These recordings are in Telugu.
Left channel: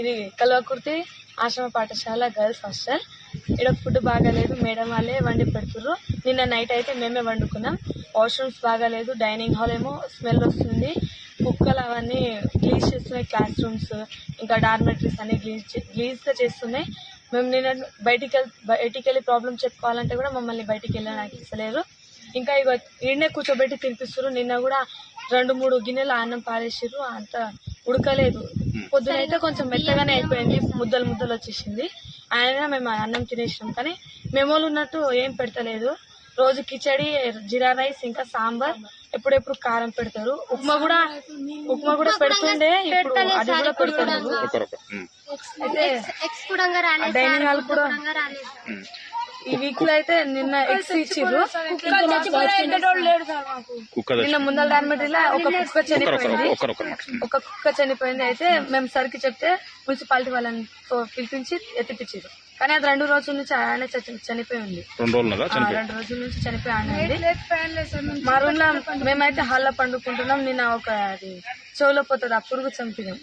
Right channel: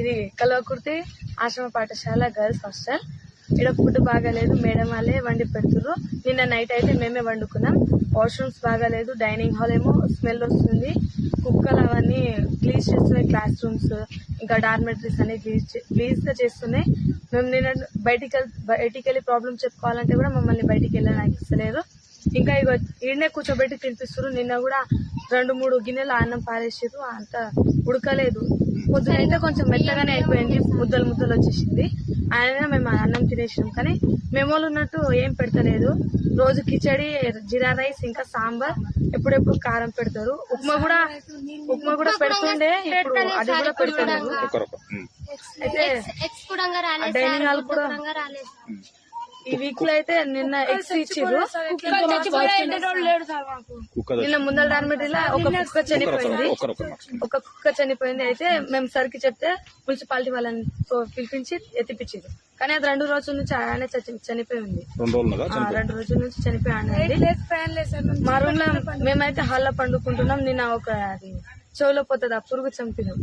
ఇది కల్వకుర్తి ఆశ్రమ పాఠశాల గర్ల్స్ హాస్టల్. ఇక్కడ ఫుడ్ బాగాలేదు, మేడం వాళ్ళే వండి పెడుతుర్రు. నిన్న నైట్ అయితే మేమే వండుకున్నాం. వాష్రూమ్స్ బాగాలేదు, డైనింగ్ హాల్ ఏమో స్మెల్ వస్తుంది, కుక్కలు అవన్నీ గ్లీజ్ చేస్తున్నాయి, క్లాస్ రూమ్స్ ఇంకా డార్మెటరీస్ అన్ని గ్లీజ్గా చేస్తున్నాయి. మేము నిన్న బయటికి వెళ్ళి ప్రాబ్లం చెప్పుకోవాలంటే కూడా మమ్మల్ని బయటికి వెళ్ళడానికి ఇస్తలేరు. ఇంకా ఇక ఈడనే కూర్చోబెట్టి తినిపిస్తారు. నిన్న కూడా 2-3 గిన్నెలు అన్నం పారేసిర్రు, అంత ఉడకలేదు. పొద్దునైతే కొంచెం మెత్తగానే అయిపోయింది, ముద్దలు వచ్చేసింది. ఆయన మేము అన్నం తినేసినాం, కానీ మెమోలు ఉన్నట్టు ఏం పెడతలేదు. రోజు కిచడి, జీరా రైస్, ఇంకా సాంబార్, ఎప్పుడెప్పుడు కారం పెడతారు. ఉప్మా కూడా పెడుతుండే, ఇప్పుడు అది కూడా పెడతలేదు. అయితే డైనింగ్ హాల్ కూడా ఈ వీక్ లో అయితే నిన్న ఎగ్స్ ఇచ్చిర్రు. నిన్న ముందల డార్మెటరీలో ఒక కుక్క చనిపోయింది. అయితే మేము సరికి చెప్తే మున్సిపాలిటీ వాళ్ళని పిలిపించి ఎత్తిపించారు. కానీ అది 2 రోజుల నుంచి ఆయన చనిపోయి ఉంది. 2 రోజుల నుంచి చనిపోయి ఉంది. మా రూమ్ లో మేమైతే హాల్లో పండుకుంటున్నాం. నిన్న ఒక అది చెవులో పోతుంది, ఆ పురుగు చంపినాం.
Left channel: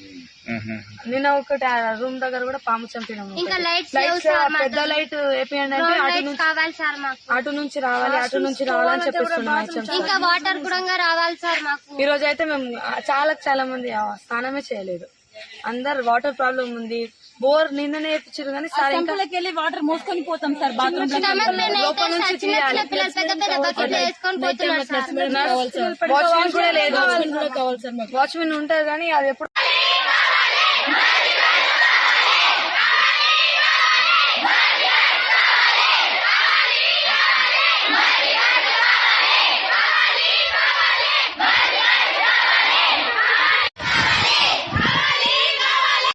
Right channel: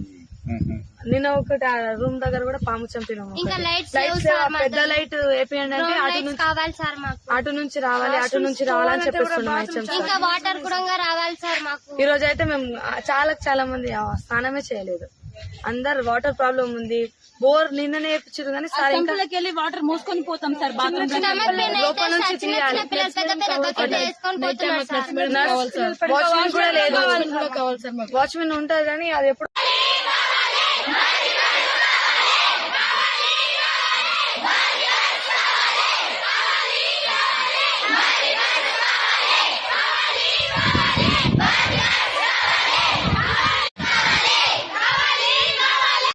నిన్న ఒకటి రూమ్ దగ్గర కూడా పాము చంపినాము. పెద్ద లైట్ వేపియండి అంటే అటు నుంచి రావాలి అని చెప్పేస్తున్నాం. ఈ రోజు అయితే మేము చాలా మంది స్నానమే చేయలేదు. అందరు వాటర్ ప్రాబ్లం ఉంది. బోర్ నిన్ననే వేయించారు, కానీ సార్ వాటర్ మోసుకొని పోతాం సార్, లోపల నుంచి తీయాలి. వాచ్మెన్ కూడా లేదు. వాచ్మెన్ ఉంటుంది కానీ అది ఎప్పుడు